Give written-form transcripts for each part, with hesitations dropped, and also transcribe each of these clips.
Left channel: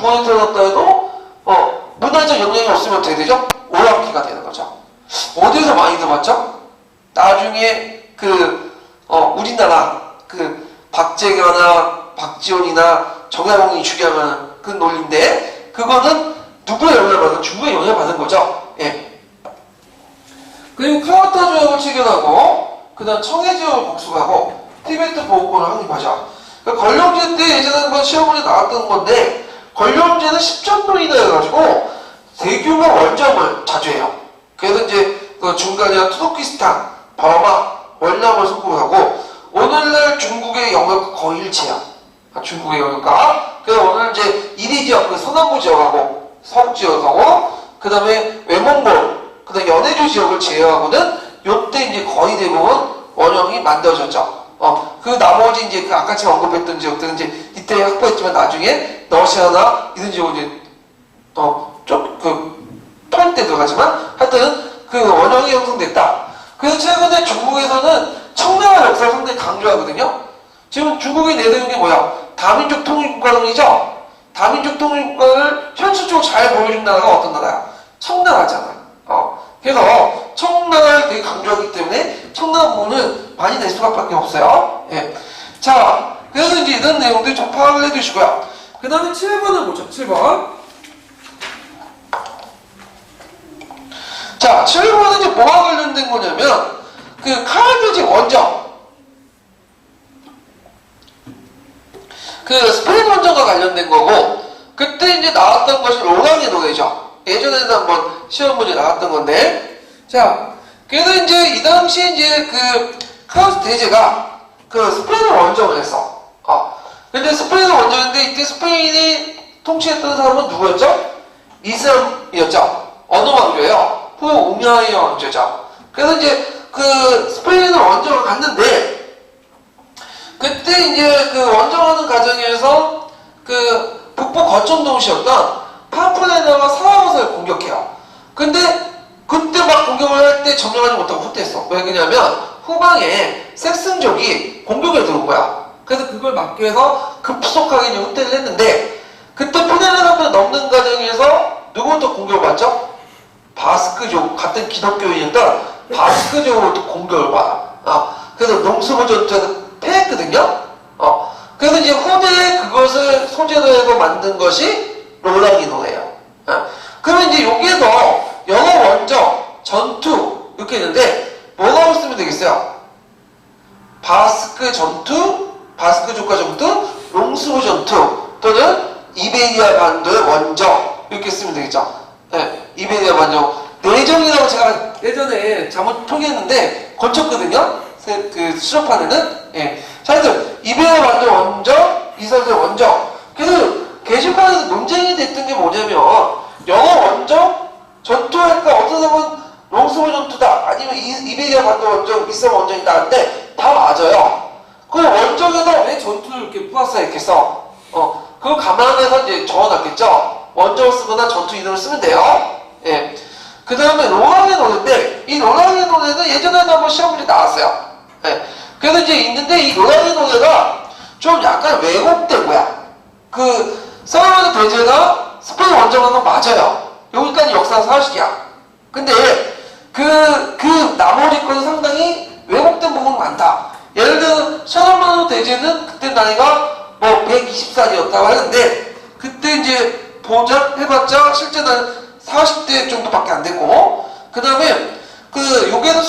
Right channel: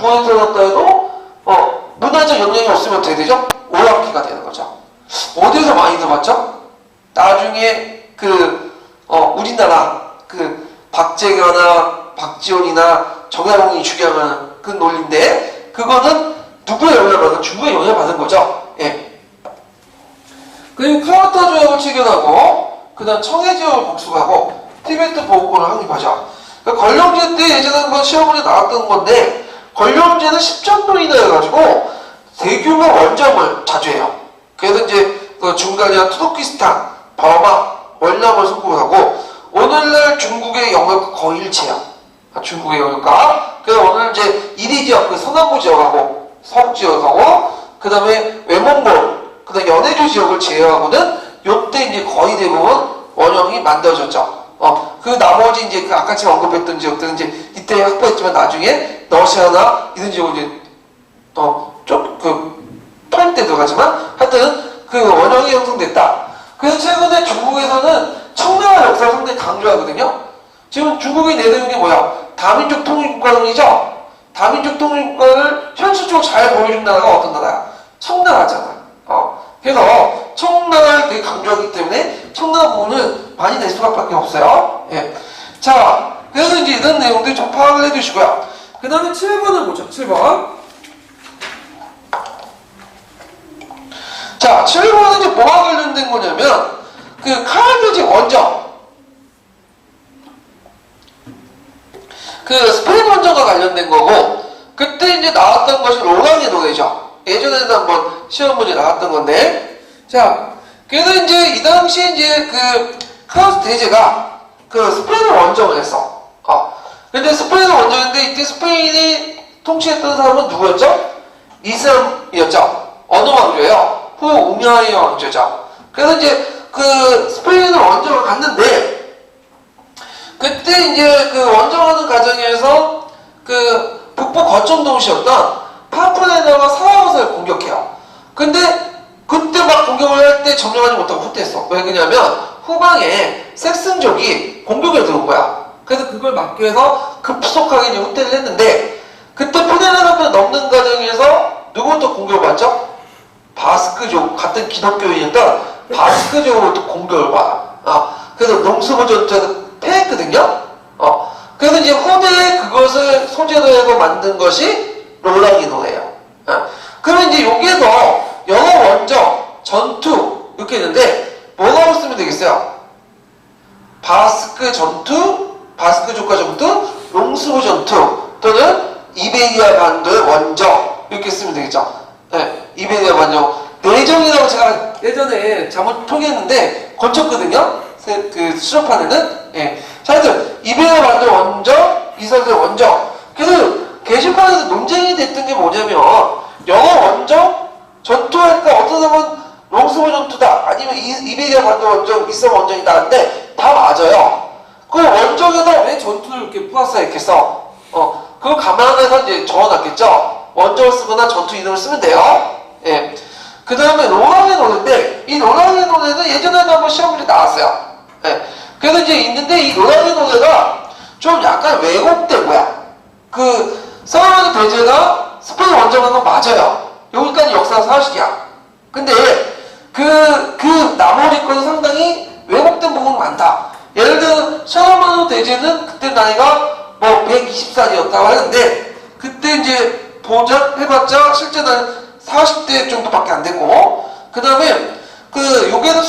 중앙에 태어났다 해도 문화적 영향이 없으면 어떻게 되죠? 오락기가 되는 거죠. 어디서 많이 들어봤죠? 나중에 우리나라 박재규나 박지원이나 정약용이 주장하는 그 논리인데, 그거는 누구의 영향을 받은? 중국의 영향을 받은 거죠. 예. 그리고 카와타 조약을 체결하고, 그 다음 청해 지역을 복수하고, 티베트 보호권을 확립하죠. 그러니까 권령제 때 예전에 한번 시험문에 나왔던 건데, 권령제는 10전도 이나 해가지고 대규모 원정을 자주 해요. 그래서 이제 중간이나 투르키스탄, 버마, 월남을 선포하고, 오늘날 중국의 영역과 거의 일치해요. 중국의 영역과. 그래서 오늘 이제 이리 지역, 서남부 지역하고 서북 지역하고, 그 다음에 외몽골, 그 다음에 연해주 지역을 제외하고는 요때 이제 거의 대부분 원형이 만들어졌죠. 그 나머지 이제 아까 제가 언급했던 지역들은 이제 이때 확보했지만 나중에 러시아나 이런 지역은 이제 털때 들어가지만 하여튼 그 원형이 형성됐다. 그래서 최근에 중국에서는 청나라 역사를 상당히 강조하거든요. 지금 중국이 내세운 게 뭐야? 다민족 통일국가론이죠? 다민족 통일국가를 현실적으로 잘 보여준 나라가 어떤 나라야? 청나라잖아. 그래서 청나라를 되게 강조하기 때문에 청나라 부분은 많이 낼 수밖에 없어요. 예. 자, 그래서 이제 이런 내용들 좀 파악을 해두시고요. 그 다음에 7번을 보죠. 7번. 자, 7번은 이제 뭐와 관련된 거냐면, 카르네지 원정. 스페인 원정과 관련된 거고, 그때 이제 나왔던 것이 로랑의 노래죠. 예전에도 한번 시험 문제 나왔던 건데, 자, 그래서 이제 이 당시에 이제 카르네지 대제가 스페인을 원정을 했어. 근데 스페인을 원정했는데 이때 스페인이 통치했던 사람은 누구였죠? 이슬람이었죠. 어느 왕조예요? 후 우마이야 왕조죠. 그래서 이제 스페인을 원정을 갔는데, 그때 이제 원정하는 과정에서 북부 거점 도시였던 파푸레나가 사라고사를 공격해요. 근데 그때 막 공격을 할 때 점령하지 못하고 후퇴했어. 왜 그러냐면 후방에 섹슨족이 공격을 들어온 거야. 그래서 그걸 막기 위해서 급속하게 이제 후퇴를 했는데, 그때 푸네라산을 넘는 과정에서 누구부터 공격을 받죠? 바스크족, 같은 기독교인이었던 바스크족으로부터 공격을 받아. 그래서 농수부 전투에서 패했거든요. 그래서 이제 후대에 그것을 소재로 해서 만든 것이 로랑의 노래예요. 그러면 이제 여기에서 영어 원정, 전투 이렇게 있는데 뭐라고 쓰면 되겠어요? 바스크 전투, 바스크족과 전투, 농수부 전투 또는 이베리아 반도의 원정 이렇게 쓰면 되겠죠. 네, 이베리아 반도 내정이라고 제가 예전에 잘못 통했는데 고쳤거든요. 수업판에는. 예. 자, 하여튼 이베리아 반도 원정, 이스라엘 원정. 그래서 게시판에서 논쟁이 됐던 게 뭐냐면, 영어 원정 전투할까? 어떤 사람은 롱스보 전투다, 아니면 이베리아 반도 원정, 이스라엘 원정이다 하는데 다 맞아요. 그 원정에서 왜 전투를 이렇게 플러스했겠어? 그걸 감안해서 이제 적어놨겠죠. 원정을 쓰거나 전투 이름을 쓰면 돼요. 예. 그 다음에 로랑의 노래인데, 이 로랑의 노래는 예전에도 한번 시험 문제 나왔어요. 예. 그래서 이제 있는데, 이 로랑의 노래가 좀 약간 왜곡된 거야. 사르마니 대제가 스페인 원정한 건 맞아요. 여기까지 역사가 사실이야. 근데 나머지 거는 상당히 왜곡된 부분이 많다. 예를 들어 사르마니 대제는 그때 나이가 120살이었다고 하는데, 그때 이제 해봤자 실제 나이는 40대 정도밖에 안 됐고, 그 다음에 여기에는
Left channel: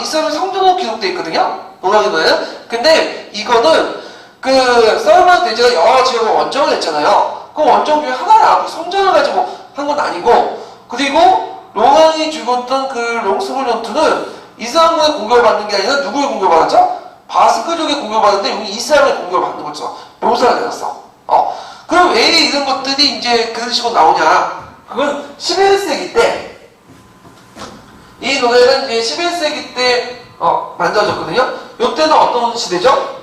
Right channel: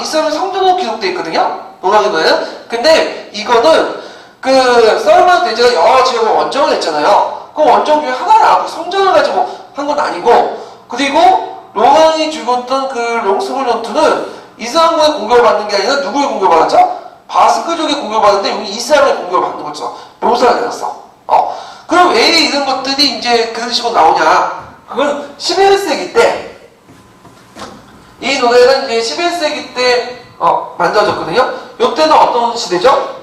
이스라엘 성전으로 기록되어 있거든요. 로랑의 노래는. 근데 이거는 사르마니 대제가 여러 지역을 원정을 했잖아요. 그 원정 중에 하나야. 그 성전을 가지고 한 건 아니고, 그리고 로랑이 죽었던 롱스볼 전투는 이스라엘의 공격을 받는 게 아니라 누구의 공격을 받았죠? 바스크족의 공격을 받았는데 여기 이스라엘의 공격을 받는 거죠. 묘사가 되었어. 그럼 왜 이런 것들이 이제 그런 식으로 나오냐? 그건 11세기 때, 이 노래는 이제 11세기 때 만들어졌거든요. 이때는 어떤 시대죠?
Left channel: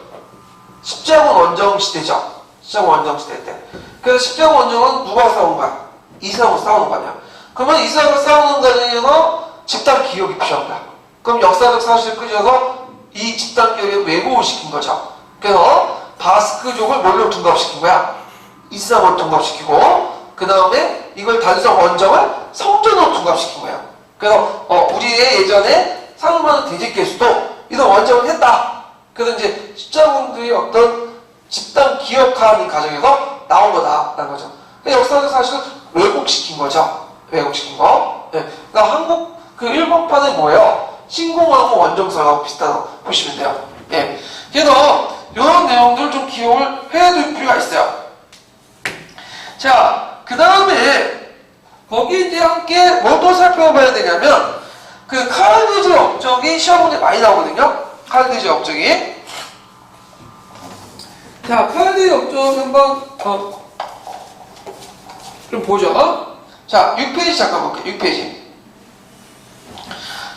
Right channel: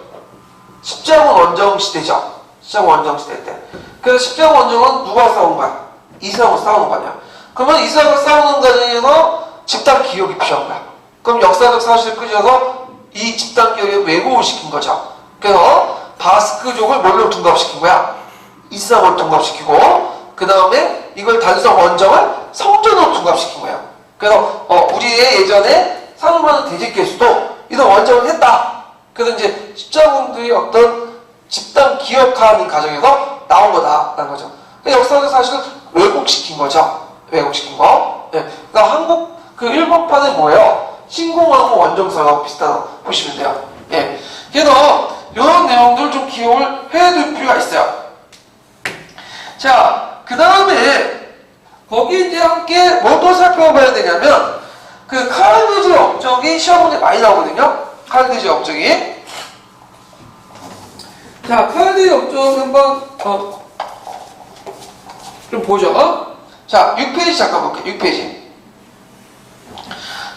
십자군 원정 시대죠. 십자군 원정 시대 때. 그래서 십자군 원정은 누가 싸운 거야? 이스라엘과 싸우는 거 아니야. 그러면 이스라엘과 싸우는 과정에서 집단 기억이 필요한 거야. 그럼 역사적 사실을 끄집어서 이 집단 기억에 왜곡을 시킨 거죠. 그래서 바스크족을 뭘로 둔갑시킨 거야? 이스라엘을 둔갑시키고, 그 다음에 이걸 단수성 원점을 성전으로 둔갑시킨 거예요. 그래서 우리의 예전에 상용하는 대제계수도 이런 원점을 했다. 그래서 이제 십자군들이 어떤 집단 기억하는 과정에서 나온 거다라는 거죠. 역사적 사실을 왜곡시킨 거죠. 왜곡시킨 거. 네. 그러니까 한국 그 일본판은 뭐예요? 신공항공 원정설하고 비슷하다고 보시면 돼요. 예. 그래서 이런 내용들 좀 기억을 해둘 필요가 있어요. 자, 그 다음에 거기 이제 함께 뭘 또 살펴봐야 되냐면 그 카르디지 업적이 시험 문제 많이 나오거든요. 카르디지 업적이. 자, 카르디지 업적 한번 좀 보죠. 자, 6페이지 잠깐 볼게요. 6페이지.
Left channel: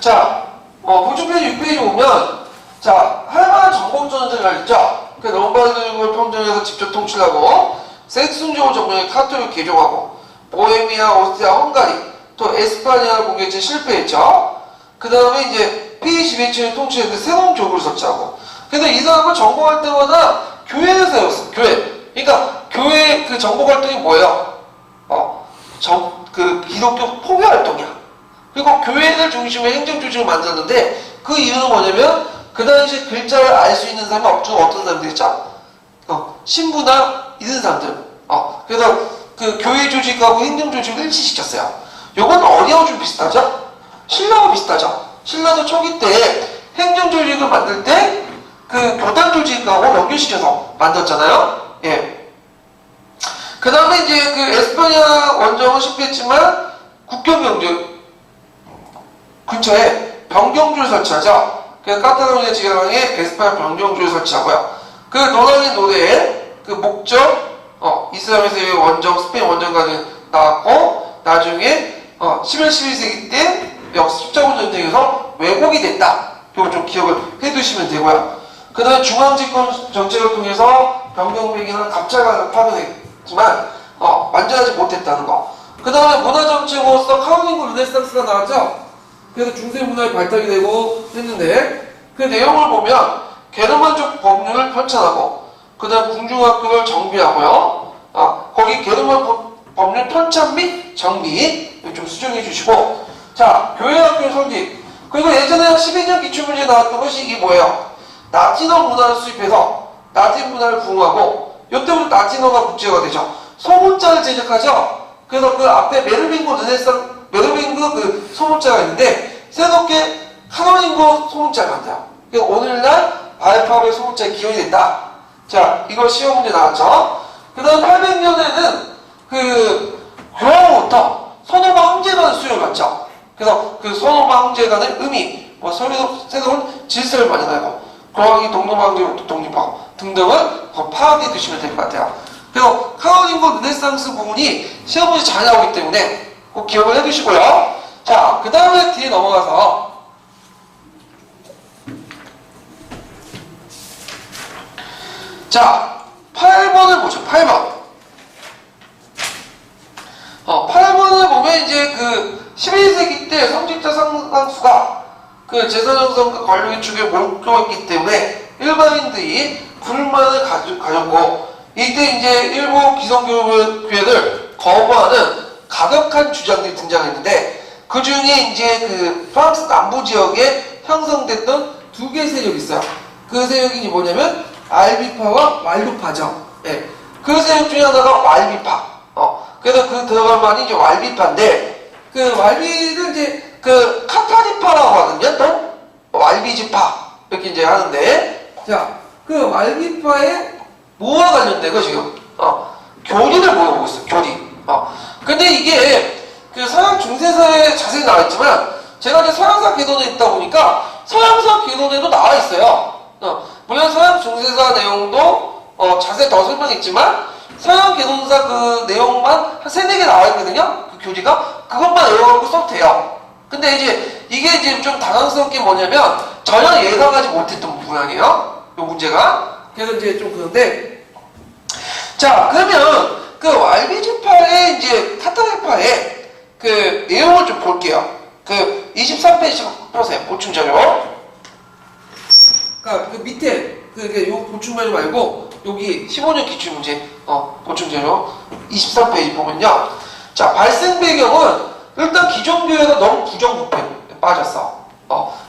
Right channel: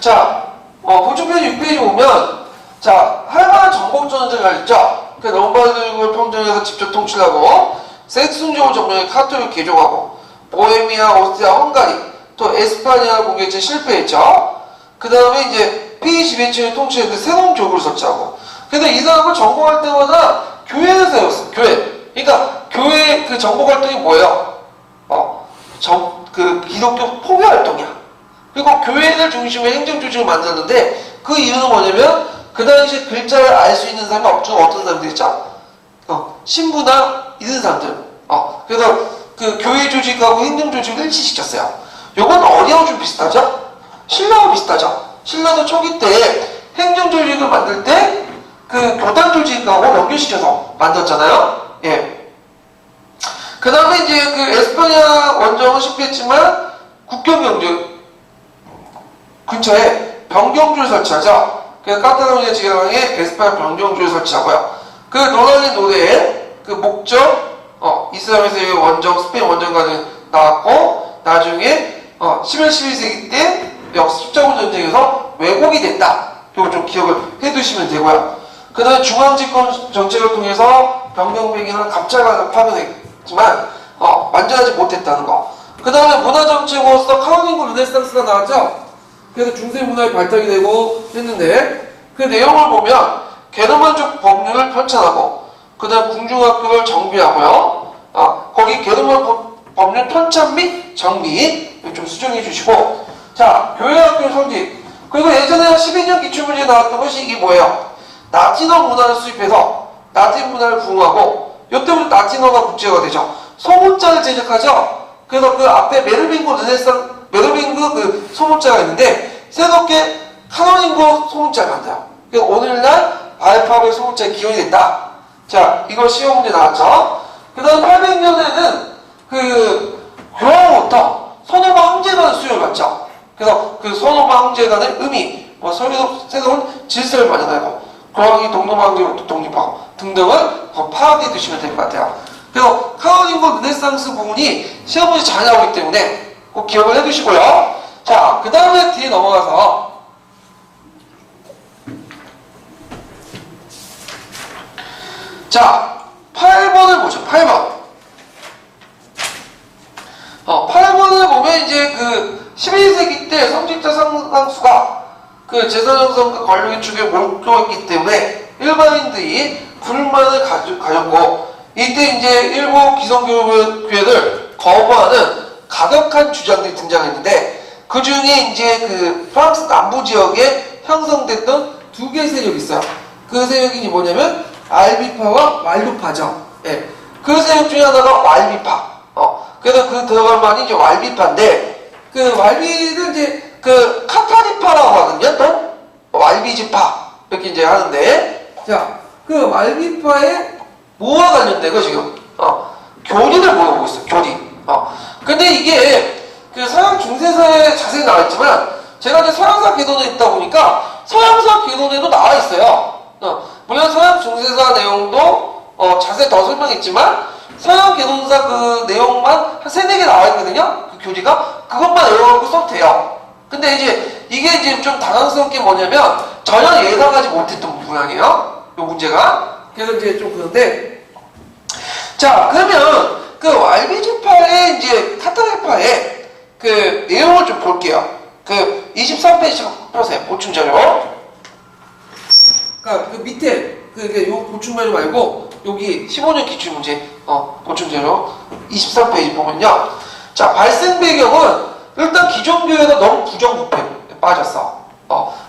자, 보충페이지 6페이지 보면 자, 할만한 정복전쟁을 했죠. 그 롬바르드를 평정해서 직접 통치하고 색순종을 점령해 카토를 개종하고 보헤미아, 오스트리아, 헝가리 또 에스파니아를 공격해 실패했죠. 그 다음에 이제 P21층을 통치해서 새로운 교구를 설치하고 그래서 이 사람을 정복할 때마다 교회를 세웠어. 교회. 그러니까 교회 그 정복 활동이 뭐예요? 그 기독교 포교 활동이야. 그리고 교회를 중심으로 행정 조직을 만들었는데 그 이유는 뭐냐면 그 당시 글자를 알 수 있는 사람이 어떤 사람들이 있죠? 신부나 이런 사람들. 그래서 그 교회 조직하고 행정 조직을 일치시켰어요. 요건 어디하고 좀 비슷하죠? 신라와 비슷하죠? 신라도 초기 때 행정 조직을 만들 때 그 교단 조직하고 연결시켜서 만들었잖아요. 예. 그 다음에 이제 그 에스파니아 원정은 실패했지만 국경 경제 근처에 병경주를 설치하죠. 그래서 카탈로니아 지방에 에스파니아 병경주를 설치하고요. 그 노란의 노래의 그 목적, 이슬람에서의 원정, 스페인 원정까지 나왔고, 나중에 11, 12세기 때 십자군 전쟁에서 왜곡이 됐다. 이걸 좀 기억을 해두시면 되고요. 그 다음에 중앙집권 정책을 통해서 병경백이나 갑자기 파견했지만 완전하지 못했다는 거. 그 다음에 문화정책으로서 카톨릭 르네상스가 나왔죠. 그래서 중세 문화의 발달이 되고 했는데 그 내용을 보면 게르만족 법률을 편찬하고 그 다음 궁중학교를 정비하고요. 거기 게르만 법률 편찬 및 정비 좀 수정해 주시고 자 교회학교 설립 그리고 예전에 12년 기출문제에 나왔던 것이 이게 뭐예요? 라틴어 문화를 수입해서 라틴 문화를 부흥하고 이때부터 라틴어가 국제화가 되죠. 소문자를 제작하죠. 그래서 그 앞에 메르빙고 그 소문자가 있는데 새롭게 카노닝고 소문자를 만들어요. 그래서 오늘날 알파벳 소문자의 기원이 됐다. 자, 이거 시험 문제 나왔죠. 그 다음 800년에는 그 교황으로부터 선호마 황제관을 수요를 받죠. 그래서 그 선호마 황제관의 의미, 새로운 질서를 마련하고 교황이 동로마 황제로부터 독립하고 등등을 파악해 두시면 될 것 같아요. 그래서 카톨릭 르네상스 부분이 시험 문제 잘 나오기 때문에 꼭 기억을 해두시고요. 자, 그 다음에 뒤에 넘어가서 자, 8번을 보죠. 8번. 8번을 보면 이제 그 11세기 때 성직자 상당수가 그 재산형성과 권력의 축에 몰두했기 때문에 일반인들이 불만을 가졌고 이때 이제 일부 기성교회를 거부하는 가격한 주장들이 등장했는데 그 중에 이제 그 프랑스 남부 지역에 형성됐던 두 개의 세력이 있어요. 그 세력이 뭐냐면 알비파와 왈루파죠. 예. 그 세력 중에 하나가 왈비파. 그래서 그 들어갈 만이 이제 왈비파인데 그 왈비는 이제 그 카타리파라고 하거든요. 또 왈비지파 이렇게 이제 하는데 자, 그 왈비파의 뭐와 관련되고 지금 교리를 모여보고 있어요. 교리. 근데 이게 그 서양 중세사에 자세히 나와 있지만 제가 이제 서양사 개론에 있다 보니까 서양사 개론에도 나와 있어요. 물론 서양 중세사 내용도 자세히 더 설명했지만 서양 개론사 그 내용만 한 3, 4개 나와 있거든요. 그 교리가 그것만 외워갖고 써도 돼요. 근데 이제 이게 이제 좀 당황스러운 게 뭐냐면 전혀 예상하지 못했던 부분이에요. 이 문제가. 그래서 이제 좀 그런데 자 그러면 그 왈비지파의 이제 카타리파의 그 내용을 좀 볼게요. 그 23페이지 보세요. 보충자료. 그러니까 그 밑에 요 보충자료 말고 여기 15년 기출문제 보충자료 23페이지 보면요. 자, 발생 배경은 일단 기존 교회가 너무 부정부패에 빠졌어.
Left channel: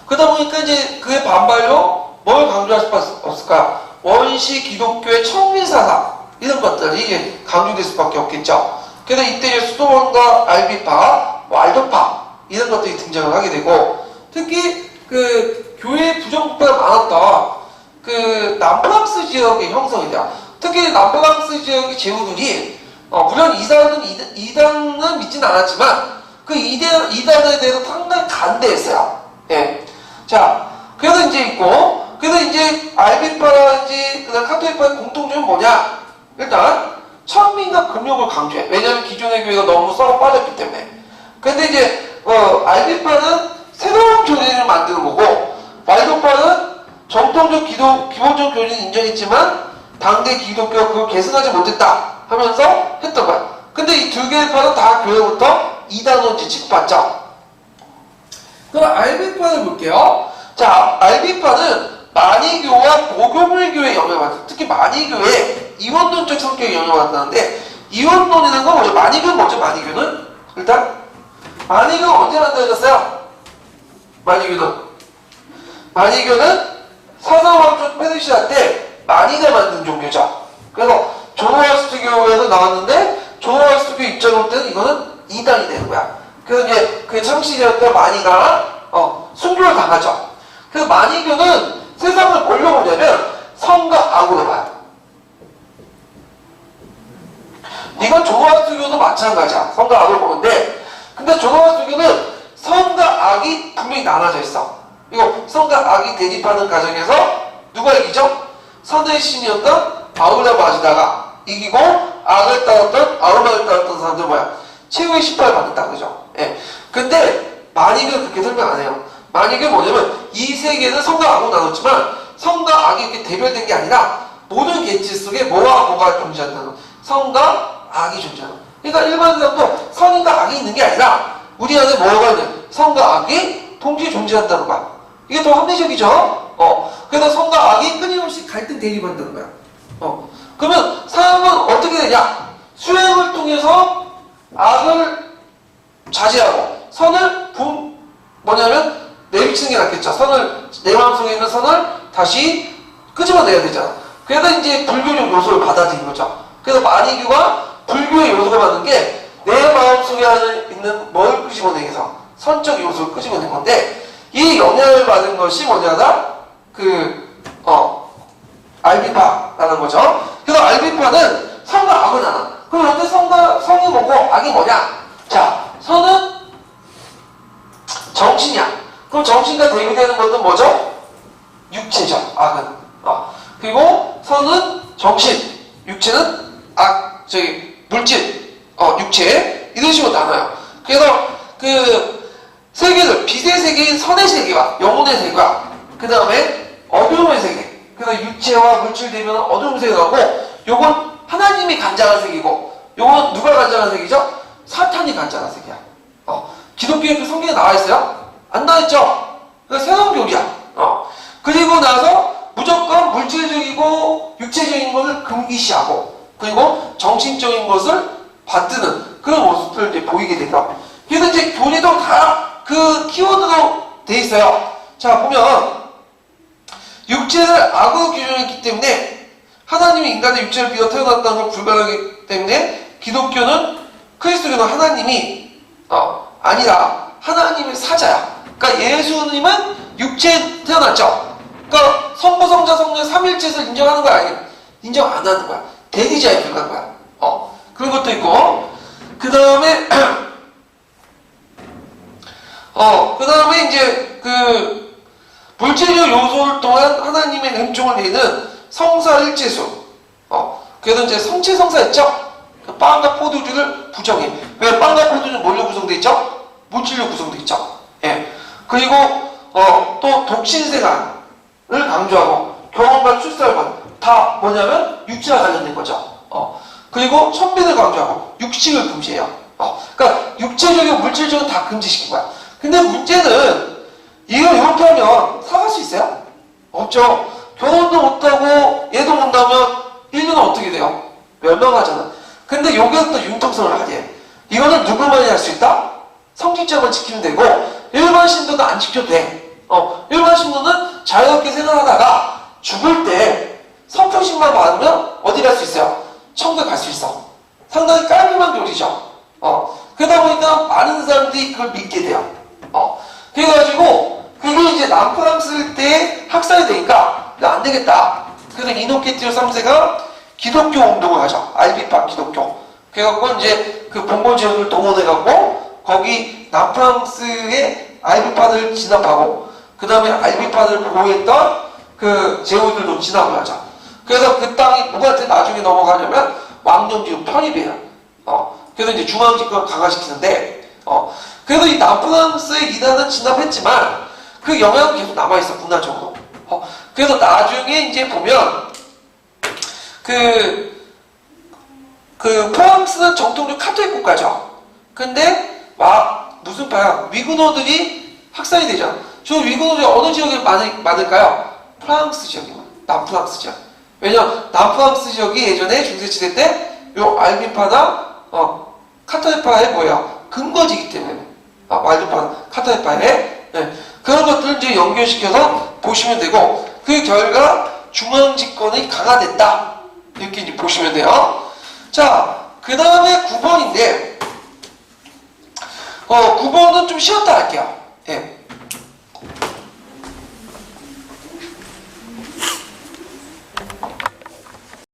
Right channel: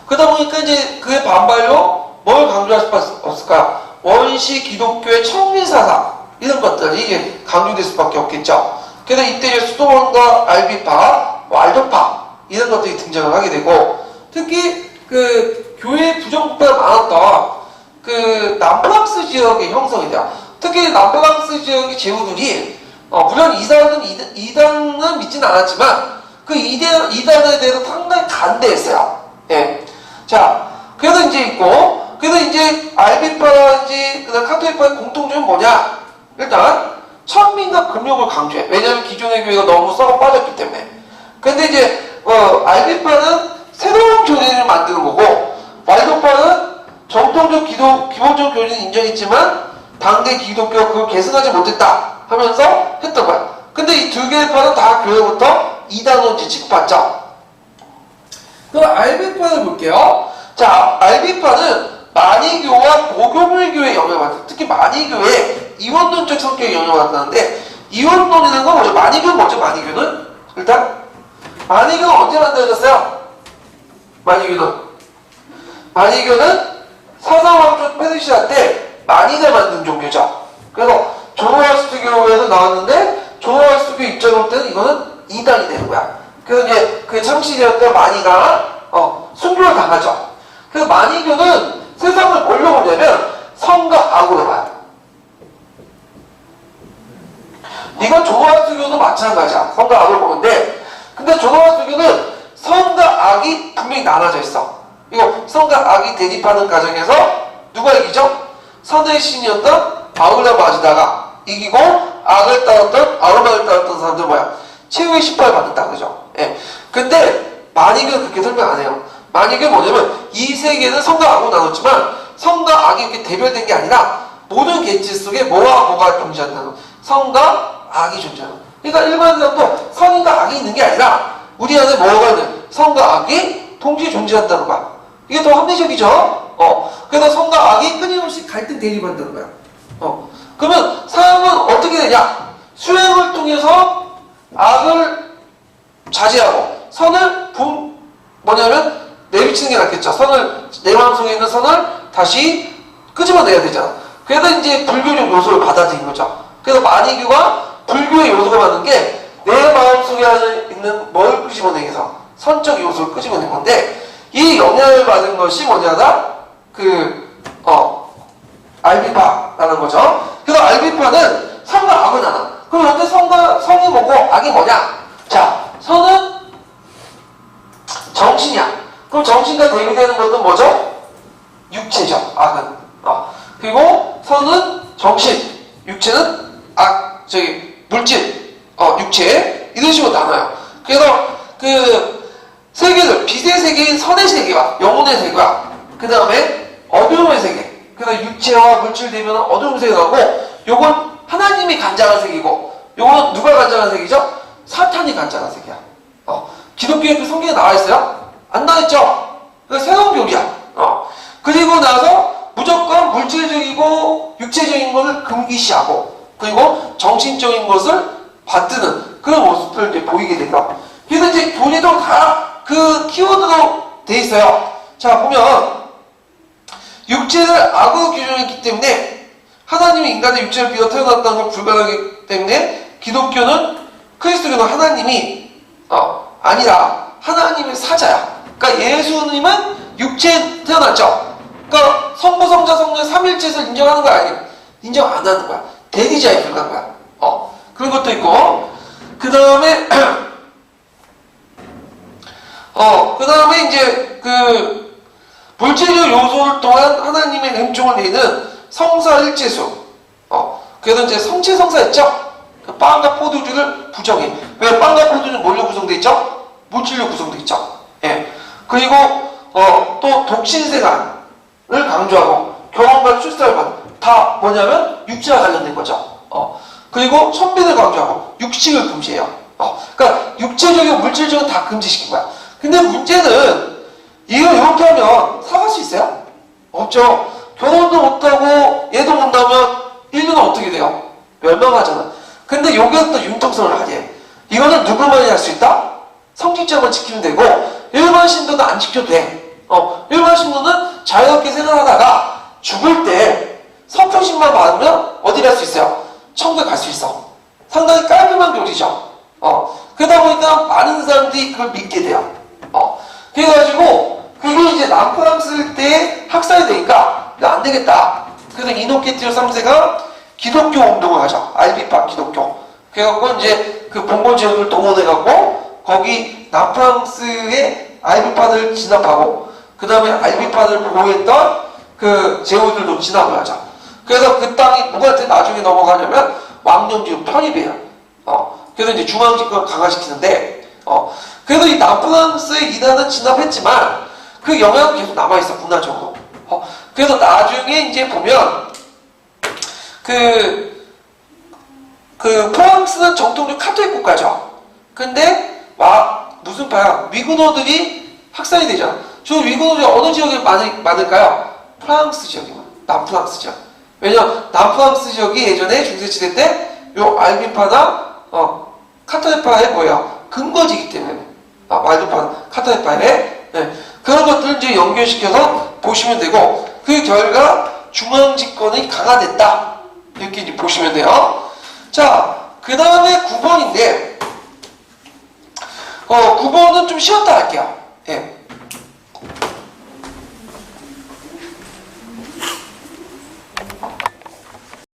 그러다 보니까 이제 그의 반발로 뭘 강조할 수 없을까? 원시 기독교의 청민사상 이런 것들 이게 강조될 수밖에 없겠죠. 그래서 이때 이제 수도원과 알비파, 알도파 이런 것들이 등장을 하게 되고, 특히 그 교회 부정부패가 많았던 그 남프랑스 지역의 형성이 돼요. 특히 남프랑스 지역의 제후들이 물론 이단은 믿지는 않았지만 그 이단에 대해서 상당히 간대했어요. 예. 자, 그래서 이제 있고, 그래서 이제 알비파라든지 그다음 카톨릭파의 공통점은 뭐냐? 일단 천민과 금욕을 강조해. 왜냐하면 기존의 교회가 너무 썩어 빠졌기 때문에. 근데 이제 알비파는 새로운 교리를 만드는 거고, 말도파는 정통적 기본적 교리는 인정했지만 당대 기독교가 그걸 계승하지 못했다 하면서 했던 거야. 근데 이 두 개의 파는 다 교회부터 이단원지 취급받죠. 그럼 알비파를 볼게요. 자, 알비파는 만이교와 보교물교의 영향을 받았어요. 특히 만이교의 이원론적 성격의 영향을 받았는데, 이원론이라는 건 뭐죠? 만이교는 뭐죠? 만이교는? 일단 만이교는 언제 만들어졌어요? 만이교는 사사왕조 페르시아 때 만이가 만든 종교죠. 그래서 조로아스트교에서 나왔는데, 조로아스트교 입장으로 때는 이거는 이단이 되는 거야. 그래서 이제 그 창시되었던 만이가 순교를 당하죠. 그래서 만이교는 세상을 뭘로 보냐면 성과 악으로 봐요. 이건 조로아스트교도 마찬가지야. 성과 악을 보는데, 근데 조로아스트교는 성과 악이 분명히 나눠져 있어. 이거 성과 악이 대립하는 과정에서 누가 이기죠? 선의 신이었던 아울라 마지다가 이기고, 악을 따랐던 아우르마를 따랐던 사람들 뭐야? 최후의 심판을 받는다, 그죠? 예. 근데 만이교는 그렇게 설명 안 해요. 만이교는 뭐냐면 이 세계는 성과 악으로 나눴지만 성과 악이 이렇게 대별된 게 아니라 모든 개체 속에 뭐와 뭐가 존재한다는 거. 성과 악이 존재하는 거. 그러니까 일반 사람도 선과 악이 있는 게 아니라 우리 안에 뭐가 있는 성과 악이 동시에 존재한다는 거야. 이게 더 합리적이죠? 그래서 성과 악이 끊임없이 갈등 대립한다는 거야. 그러면 사람은 어떻게 되냐? 수행을 통해서 악을 자제하고 선을 뭐냐면 내비치는 게 낫겠죠. 선을, 내 마음속에 있는 선을 다시 끄집어내야 되잖아. 그래서 이제 불교적 요소를 받아들인 거죠. 그래서 만이교가 불교의 요소가 받는 게 내 마음속에 있는 뭘 끄집어내서 선적 요소를 끄집어낸 건데, 이 영향을 받은 것이 뭐냐다? 알비파라는 거죠. 그래서 알비파는 선과 악을 나눠. 그럼 어때? 성이 뭐고 악이 뭐냐? 자, 선은 정신이야. 그럼 정신과 대비되는 것은 뭐죠? 육체죠. 악은. 그리고 선은 정신, 육체는 물질, 육체, 이런 식으로 나눠요. 그래서 그 세계들, 빛의 세계인 선의 세계와 영혼의 세계와 그 다음에 어두움의 세계, 그 다음에 육체와 물질 대면은 어두움 세계가 나오고, 요건 하나님이 간장한 세계고, 요건 누가 간장한 세계죠? 사탄이 간장한 세계야. 기독교에 그 성경에 나와있어요? 안 나와있죠? 그 새로운 교리야. 그리고 나서 무조건 물질적이고 육체적인 것을 금기시하고, 그리고 정신적인 것을 받드는 그런 모습들을 이제 보이게 된다. 그래서 이제 교리도 다 그 키워드로 돼 있어요. 자, 보면 육체를 악으로 규정했기 때문에 하나님이 인간의 육체를 빌어 태어났다는 걸 불가능하기 때문에 기독교는, 그리스도교는 하나님이 아니라 하나님의 사자야. 그러니까 예수님은 육체에 태어났죠. 그러니까 성부, 성자, 성령 삼일체를 인정하는 거야, 아니야? 인정 안 하는 거야. 대리자에 불과한 거야. 그런 것도 있고, 그 다음에 그 다음에 이제 그 물질적 요소를 통한 하나님의 은총을 내는 성사일체수. 그래서 이제 성체성사했죠. 그 빵과 포도주를 부정해. 왜? 빵과 포도주는 뭘로 구성되어 있죠? 물질로 구성되어 있죠. 예. 그리고 또 독신생활을 강조하고 결혼과 출산을 다 뭐냐면 육체와 관련된 거죠. 그리고 천민을 강조하고 육식을 금지해요. 그러니까 육체적이고 물질적은 다 금지시킨 거야. 근데 문제는 이걸 이렇게 하면 사갈 수 있어요? 없죠. 결혼도 못하고 얘도 못 나면 인류는 어떻게 돼요? 멸망하잖아. 근데 여기서 또 융통성을 하게. 이거는 누구만이 할 수 있다? 성직자만 지키면 되고 일반 신도는 안 지켜도 돼. 일반 신도는 자유롭게 생활하다가 죽을 때 성평신만 받으면 어디 갈 수 있어요? 천국에 갈 수 있어. 상당히 깔끔한 교리죠. 그러다 보니까 많은 사람들이 그걸 믿게 돼요. 그래가지고 그게 이제 남프랑스 때 학살이 되니까 안 되겠다. 그래서 이노케티오 3세가 기독교 운동을 하죠. 알비파 기독교. 그래갖고 이제 그 봉건 제국을 동원해갖고 거기 남프랑스의 알비파를 진압하고 그 다음에 알비파를 보호했던 그 제후들도 진압을 하죠. 그래서 그 땅이 누구한테 나중에 넘어가냐면 왕정지구 편입이에요. 그래서 이제 중앙집권을 강화시키는데 그래도 이 남프랑스의 이단은 진압했지만 그 영향은 계속 남아있어 문화적으로. 그래서 나중에 이제 보면 그 프랑스는 정통적 카톨릭 국가죠. 근데 막 무슨 파야? 위구노들이 확산이 되잖아. 저 위구노들이 어느 지역에 많을까요? 프랑스 지역이만. 남프랑스 지역. 왜냐면 남프랑스 지역이 예전에 중세시대 때 요 알비파나 카톨릭파의 뭐야? 근거지이기 때문에. 알비파 카톨릭파의 그런 것들을 이제 연결시켜서 보시면 되고 그 결과 중앙집권이 강화됐다. 이렇게 이제 보시면 돼요. 자, 그 다음에 9번인데 9번은 좀 쉬었다 할게요. 예.